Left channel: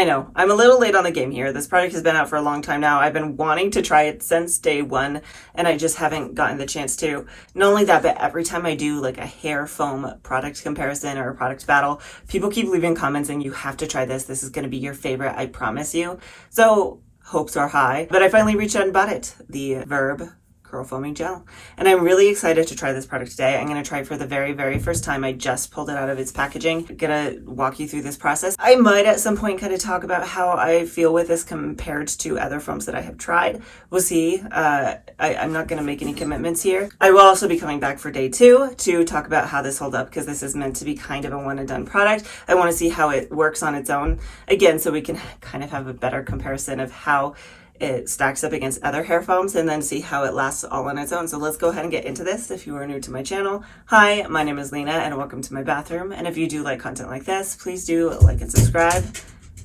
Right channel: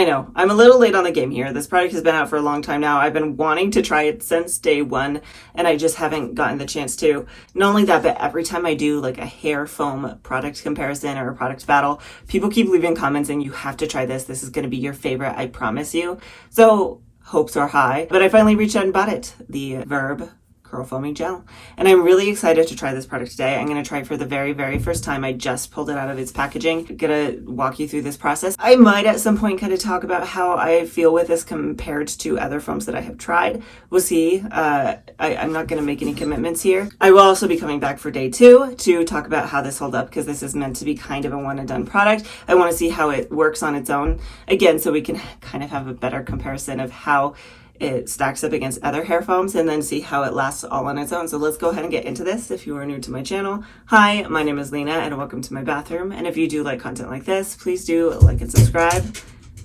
I know, I'm a little late on the game here. This product has been out for a long time now. I've been wanting to try it since day one, and I just haven't gotten the chance to. Not only that, but every time I do like a hair foam product comparison or a product battle, people keep leaving comments saying, you have to try this. This is going to be your favorite, I promise you. So hopes are high, but I finally reached out and bought it. The Verb Curl Foaming Gel. And I'm really excited to try this product today. I'm going to try it for the very, very first time. I just pulled it out of its packaging. I'm going to walk you through this process. I might at some point kind of talk about how I feel with this compared to other foams that I have tried. We'll see. I'm not going to make any commitments here. I will also be coming back for day 2 to talk about how this holds up, because this is meant to be kind of a one and done product. I want to see how it works on its own again, so we can kind of have a better comparison of how it stacks up against other hair foams, and then see how it lasts all on its own. So let's go ahead and get into this. If you are new to my channel, hi, my name is Lena and welcome to my bathroom. And if you do like content like this, please do like and subscribe.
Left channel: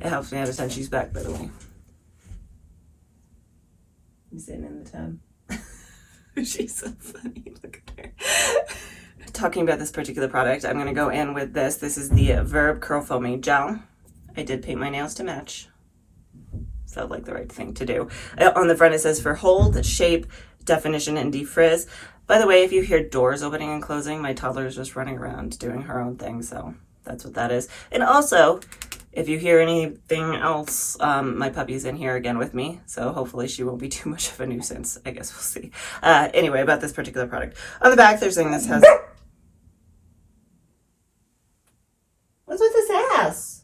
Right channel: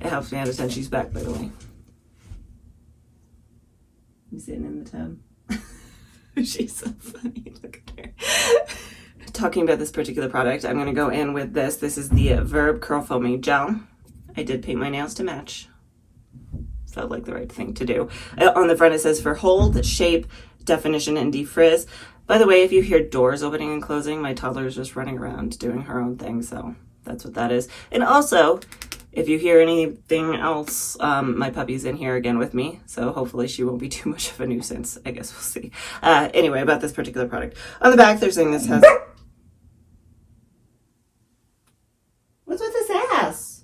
It helps me out a ton. She's back, by the way. I'm sitting in the tub. She's so funny. Look at her. Talking about this particular product, I'm going to go in with this. This is the Verb Curl Foaming Gel. I did paint my nails to match. Felt like the right thing to do. On the front it says for hold, shape, definition, and defrizz. By the way, if you hear doors opening and closing, my toddler is just running around doing her own thing, so that's what that is. And also, if you hear anything else, my puppy's in here again with me, so hopefully she won't be too much of a nuisance. I guess we'll see. Anyway, about this particular product. On the back, they're saying this has... What's with this ass?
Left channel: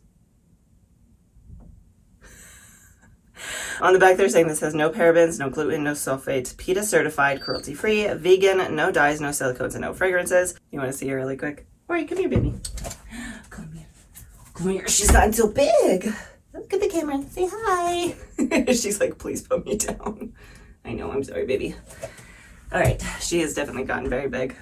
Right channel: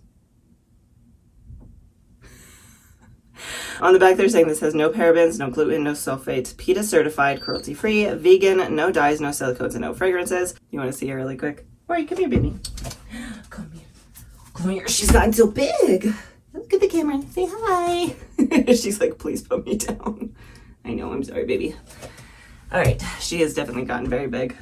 On the back, they're saying this has no parabens, no gluten, no sulfates, PETA certified, cruelty-free, vegan, no dyes, no silicones, and no fragrances. You want to see her really quick? All right, come here, baby. Come here. Come here. She's gotten so big. Look at the camera and say hi. She's like, please put me down. I know, I'm sorry, baby. All right, she has definitely gotten very big.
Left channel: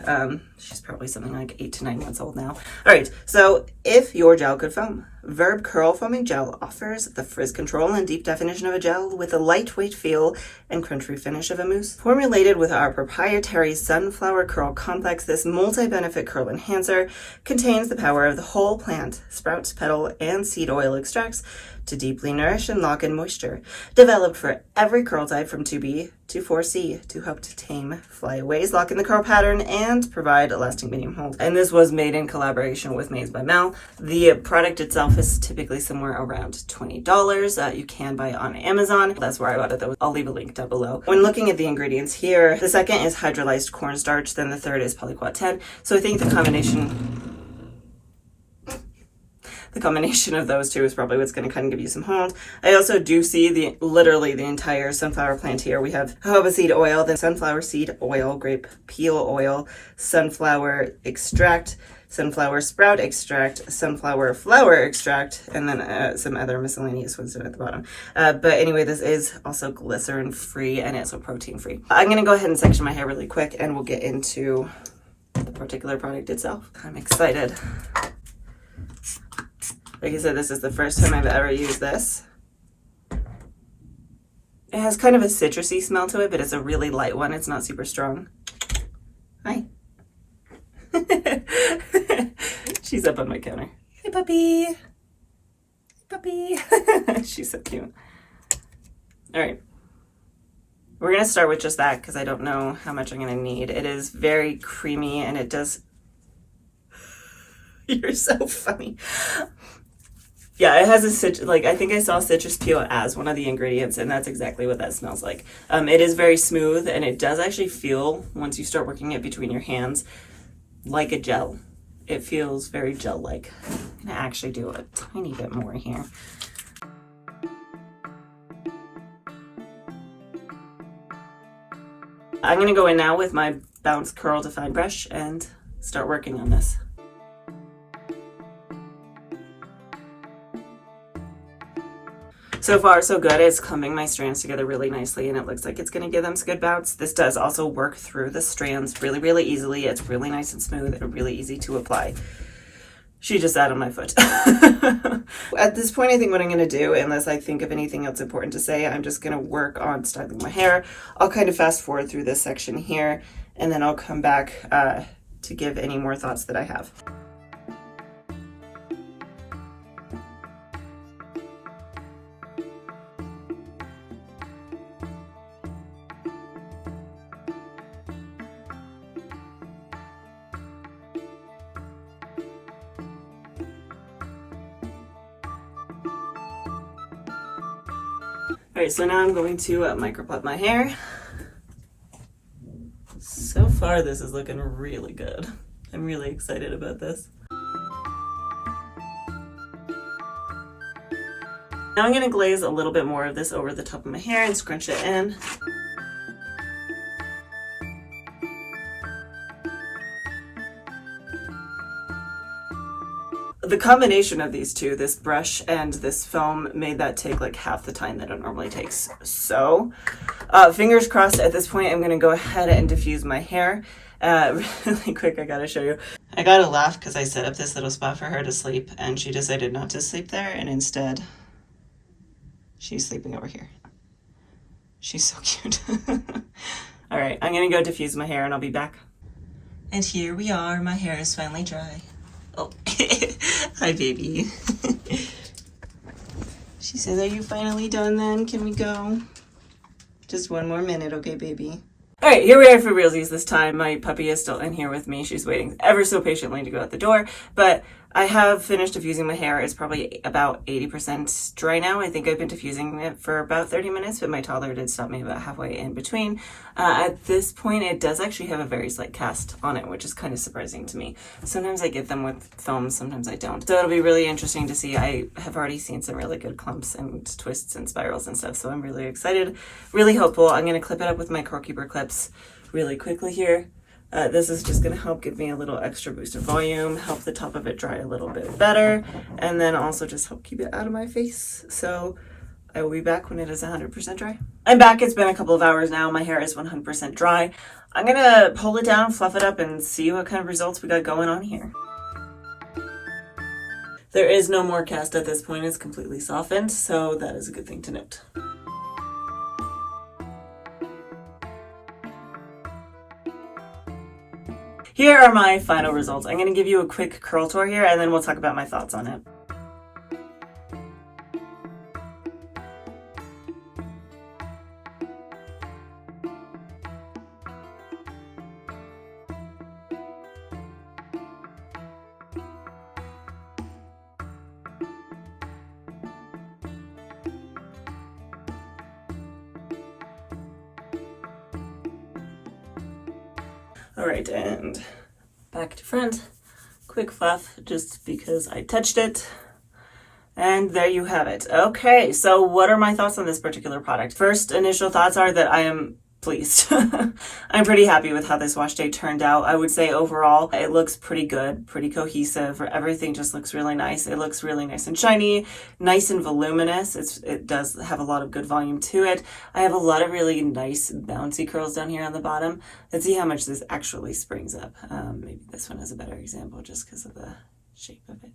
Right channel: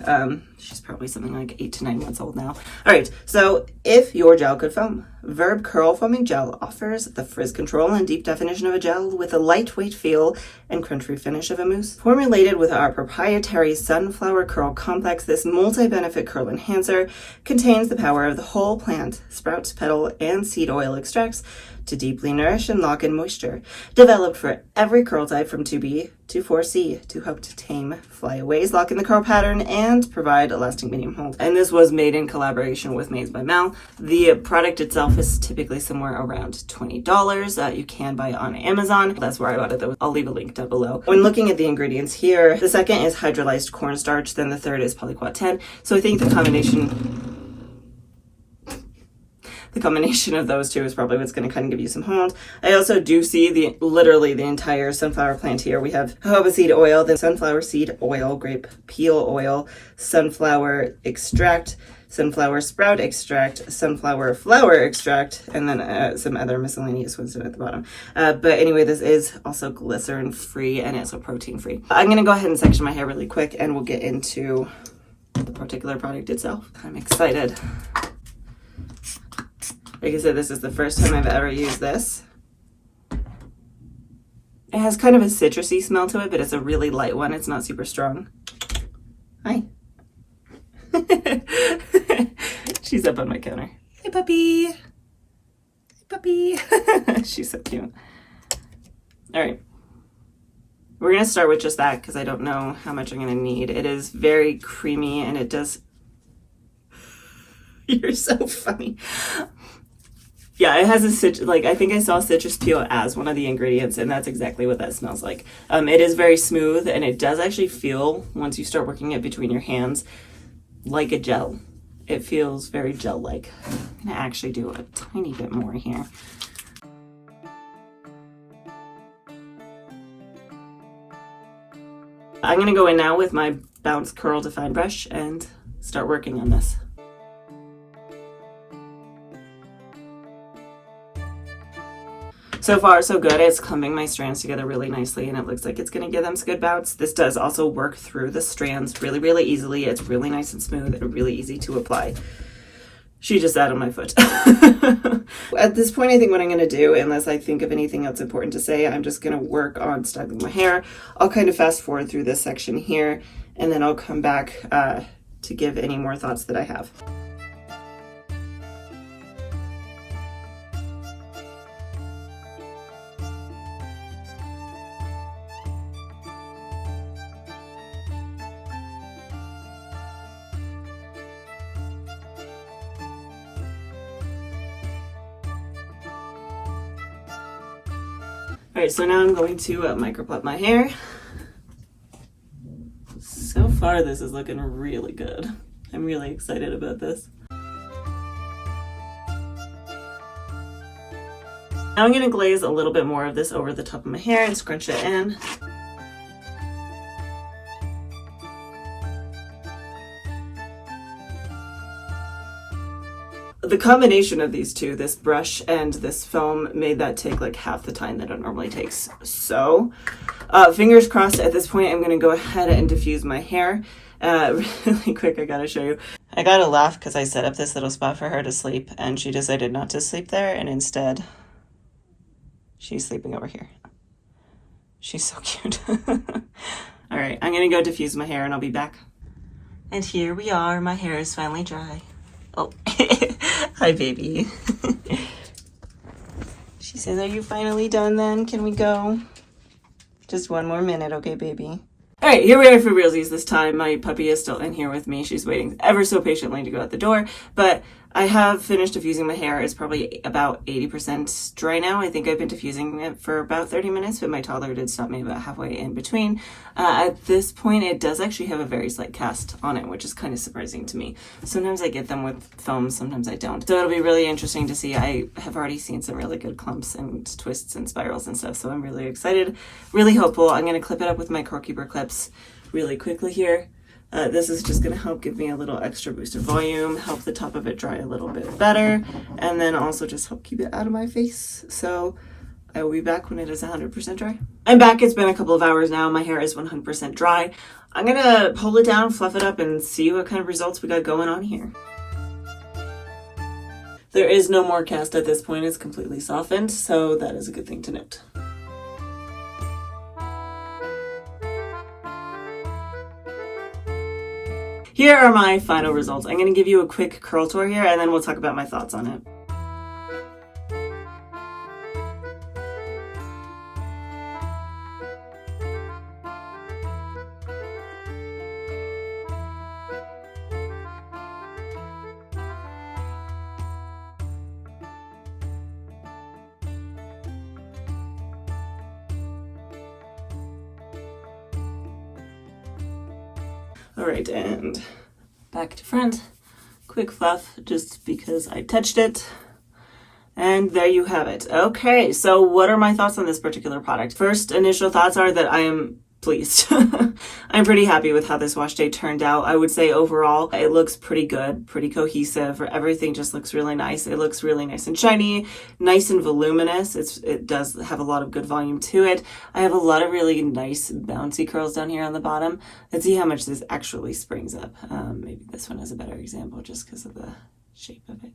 She's probably something like 8 to 9 months old now. All right, so if your gel could foam, Verb Curl Foaming Gel offers the frizz control and deep definition of a gel with a lightweight feel and crunchy finish of a mousse. Formulated with our proprietary Sunflower Curl Complex, this multi-benefit curl enhancer contains the power of the whole plant, sprout, petal, and seed oil extracts to deeply nourish and lock in moisture. Developed for every curl type from 2B to 4C to help to tame flyaways, lock in the curl pattern, and provide a lasting medium hold. And this was made in collaboration with Maids by Mel. The product itself is typically somewhere around $20. You can buy it on Amazon. That's where I got it though. I'll leave a link down below. When looking at the ingredients here, the second is hydrolyzed cornstarch, then the third is polyquat 10. So I think the combination of those two is probably what's going to kind of give you some hold. I also do see literally the entire sunflower plant here. We have jojoba seed oil, the sunflower seed oil, grape peel oil, sunflower extract, sunflower sprout extract, sunflower flower extract, and then some other miscellaneous ones at the bottom. But anyway, this is also glycerin free and it's protein free. I'm going to go ahead and section my hair really quick and we'll get into the particular product itself. I'm excited. Like I said, this is the first time I've ever used this. It has kind of a citrusy smell to it, but it's a really light one. It's not super strong. Hi. She's up on my counter. Hey, puppy. Hey, puppy. She's so cute. All right. We're going to start with just that because I don't know how much I'm going to need. It is very creamy and it does... You're so funny. Yeah, it has a citrus, like I think I saw citrus peel as one of the ingredients, and that's exactly what that smells like. It is very smooth, and it does actually feel, once you start working it between your hands, like a gel. It feels very gel-like. I'm gonna actually do a tiny bit more here. I'm gonna go in now with my Bounce Curl Define brush and start working on this. So far, so good. It's clumping my strands together really nicely, and it looks like it's going to give them some good bounce. This does also work through the strands really, really easily. It's really nice and smooth and really easy to apply. She just sat on my foot. At this point, I think what I'm going to do, unless I think of anything else important to say, I'm just going to work on styling my hair. I'll kind of fast forward through this section here, and then I'll come back to give any more thoughts that I have. All right, so now I'm going to microplug my hair. So far, this is looking really good. I'm really excited about this. Now I'm going to glaze a little bit more of this over the top of my hair and scrunch it in. The combination of these two, this brush and this foam, made that take like half the time that it normally takes. So, fingers crossed, at this point I'm going to go ahead and diffuse my hair. Really quick, I gotta show you. I gotta laugh because I set up this little spot for her to sleep and she decided not to sleep there, and instead she's sleeping over here. She's so cute. All right, I'm gonna go diffuse my hair and I'll be back. And here we are, my hair is finally dry. Oh, hi baby. She says, are you finally done then? Can we go? Just one more minute, okay baby? All right, here we are for realsies this time. My puppy is still in here with me. She's waiting ever so patiently to go out the door, but I have finished diffusing my hair. It's probably about 80% dry now. I think I've been diffusing it for about 30 minutes, but my toddler did stop me about halfway in between. At this point, it does actually have a very slight cast on it, which is kind of surprising to me. Sometimes I get them with foam, sometimes I don't. So it'll be really interesting to see. I have already seen some really good clumps and twists and spirals and stuff, so I'm really excited, really hopeful. I'm going to clip it up with my Curl Keeper clips really quickly here. This is just going to help give me a little extra boost of volume, help the top of it dry a little bit better, and then also just help keep it out of my face. So I will be back when it is 100% dry. I'm back. It's been a couple of hours now. My hair is 100% dry. I'm going to pull it down, fluff it up, and see what kind of results we got going on here. There is no more cast at this point. It's completely softened, so that is a good thing to note. Here are my final results. I'm going to give you a quick curl tour here, and then we'll talk about my thoughts on it. All right, and back to front, quick fluff just because I touched it. And there you have it. Okay, so what are my thoughts on this particular product? First initial thoughts are that I am pleased. I'm pretty happy with how this wash day turned out. I would say overall it looks pretty good, pretty cohesive. Everything just looks really nice. It looks really nice and shiny, nice and voluminous. It does have a lot of good volume to it. I have a lot of really nice bouncy curls down here on the bottom. Let's see how much this actually springs up. Maybe this one is a better example just because of the shape of it.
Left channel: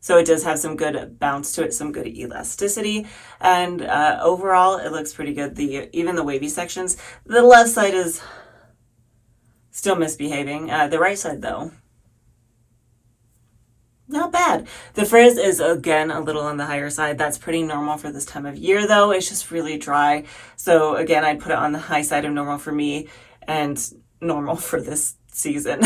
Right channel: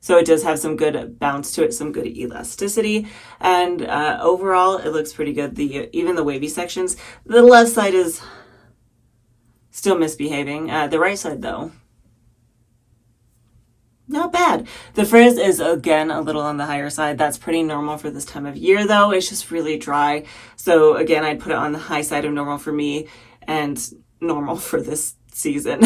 So it does have some good bounce to it, some good elasticity, and overall it looks pretty good. Even the wavy sections, the left side is still misbehaving. The right side though, not bad. The frizz is again a little on the higher side. That's pretty normal for this time of year though. It's just really dry. So again, I'd put it on the high side of normal for me and normal for this season.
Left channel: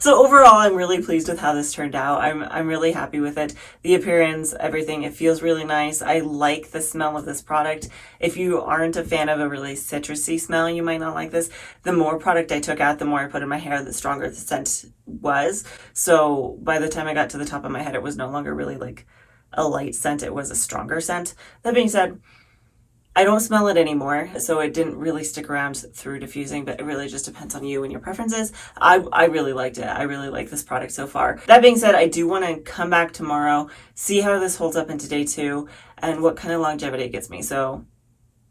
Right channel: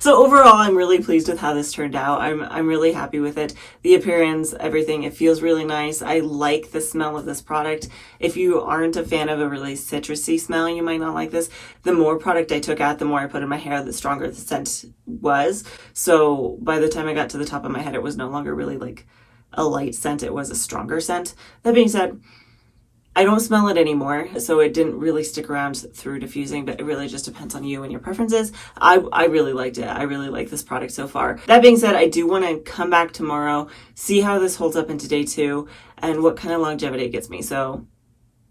So overall, I'm really pleased with how this turned out. I'm really happy with it. The appearance, everything, it feels really nice. I like the smell of this product. If you aren't a fan of a really citrusy smell, you might not like this. The more product I took out, the more I put in my hair, the stronger the scent was. So by the time I got to the top of my head, it was no longer really like a light scent. It was a stronger scent. That being said, I don't smell it anymore, so it didn't really stick around through diffusing, but it really just depends on you and your preferences. I really liked it. I really like this product so far. That being said, I do want to come back tomorrow, see how this holds up into day 2, and what kind of longevity it gets me. So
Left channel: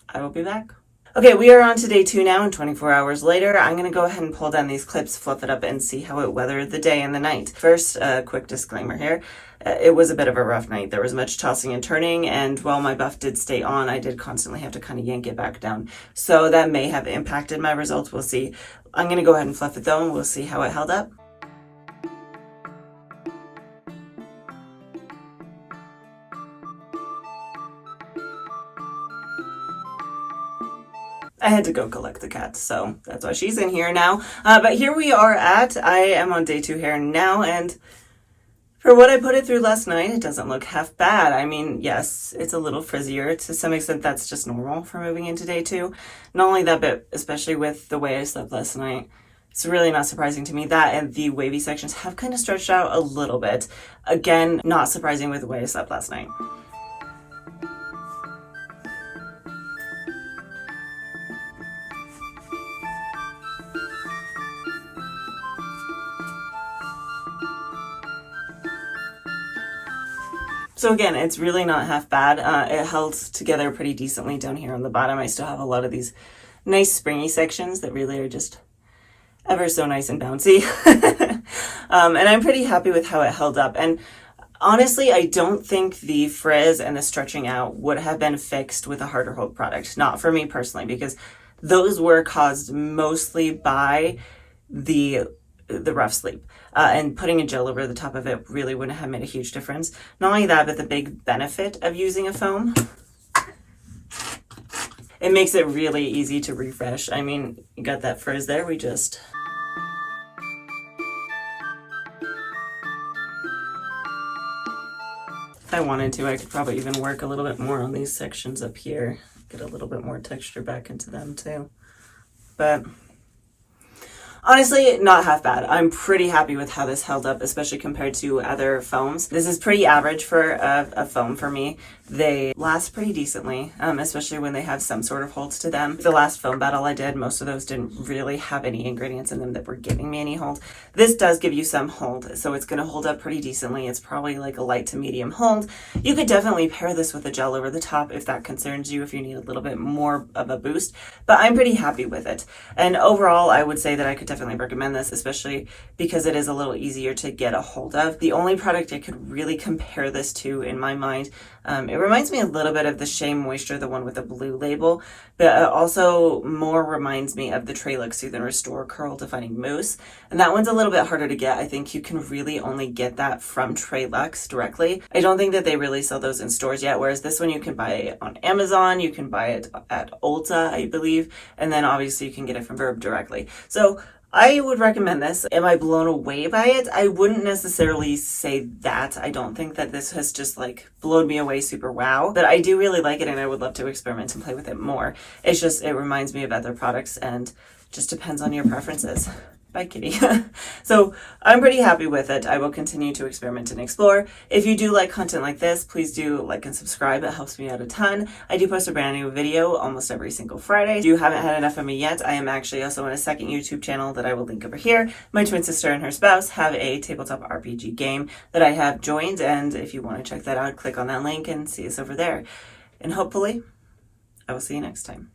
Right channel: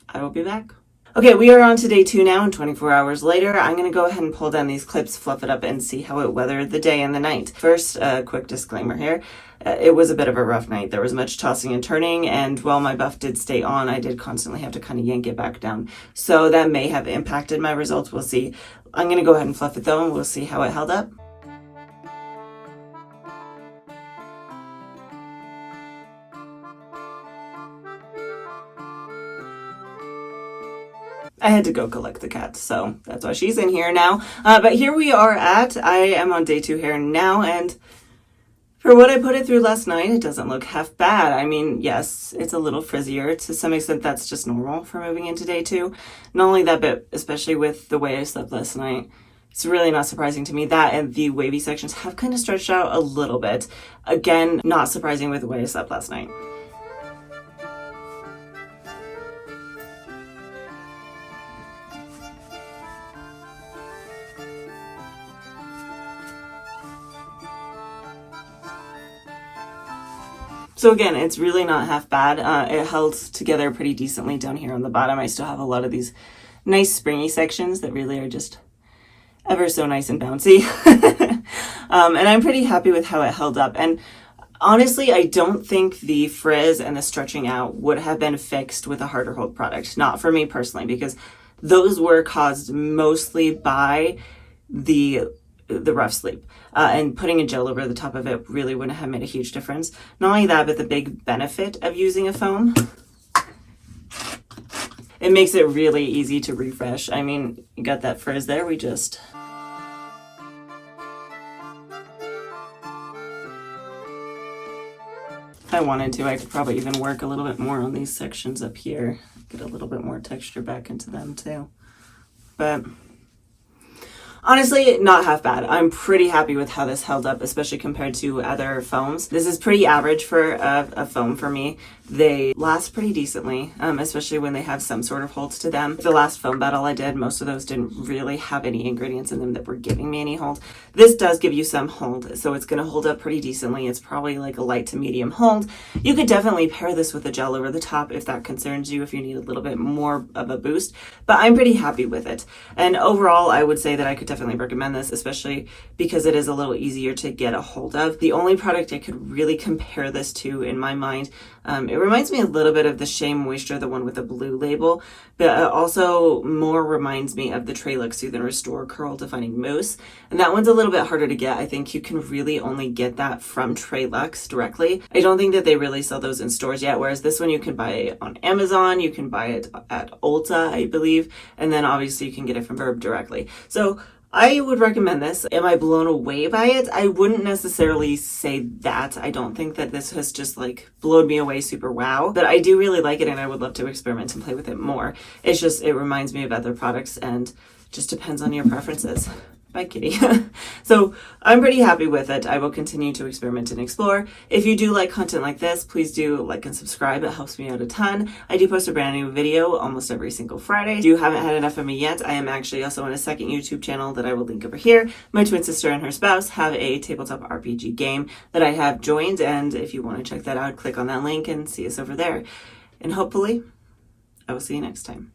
I will be back. Okay, we are on to day 2 now, and 24 hours later, I'm going to go ahead and pull down these clips, fluff it up, and see how it weathered the day and the night. First, a quick disclaimer here. It was a bit of a rough night. There was much tossing and turning, and while my buff did stay on, I did constantly have to kind of yank it back down. So that may have impacted my results. We'll see. I'm going to go ahead and fluff it though, and we'll see how it held up. I had to go collect the cat, so that's why she's in here now. But here we are I am on day 2 here now, and For what I put it through last night, it doesn't look half bad. I mean, yes, it's a little frizzier. To some extent, that's just normal for moving into day 2. Not only that, but especially with the way I slept last night, it's really not surprising to me. That and the wavy sections have kind of stretched out a little bit. Again, not surprising with the way I slept last night. So again, it's really not half bad. It held together pretty decently down here on the bottom. I still have a lot of these nice springy sections that really are just ever so nice and bouncy. And I'm pretty happy with how it held up. And honestly, I don't think the frizz and the stretching out would have been fixed with a harder hold product. Not for me personally, because those were caused mostly by the rough sleep. And putting a gel over the top of it really wouldn't have made a huge difference. Not only that, but the big benefit of using a foam, it makes it really easy to refresh. I mean, you got that frizz there, if I wanted to, I could probably even work a little bit more on these sections up here. Get a little bit more texture back into them too. But honestly, not half bad. I'm pretty happy with how this held up, especially compared to other foams. This is pretty average for a foam for me. They last pretty decently, especially when they have some sort of holds to them. The last foam battle I did, most of those didn't really have any ingredients in them that were giving me any hold. This does give you some hold, so it's going to hold up pretty decently. It's probably like a light to medium hold. You could definitely pair this with a gel over the top if that concerns you, if you need a little bit more of a boost, but I'm pretty happy with it. And overall, I would say that I could definitely recommend this, especially because it is a little easier to get a hold of. The only product I could really compare this to in my mind, it reminds me a little bit of the Shea Moisture, the one with the blue label, but it also more reminds me of the Trelux Soothe and Restore Curl Defining Mousse. And that one's a little bit harder to get. I think you can really only get that from Trelux directly. I don't think that they really sell those in stores yet, whereas this one you can buy it on Amazon, you can buy it at Ulta, I believe, and then obviously you can get it from Verb directly. So I would recommend this. Am I blown away by it? I wouldn't necessarily say that. I don't think that this has just like blown me away super wow, but I do really like it and I would love to experiment and play with it more. It's just, it reminds me of other products and just depends on your preferences. Bye, kitty. So I'm pretty happy with it. I will continue to experiment and explore. If you do like content like this, please do like and subscribe. It helps me out a ton. I do post a brand new video almost every single Friday. If you haven't had enough of me yet, I am actually also on a second YouTube channel that I will link over here. My twin sister and her spouse have a tabletop RPG game that I have joined. And if you want to check that out, click on that link and see us over there. And hopefully I will see you next time.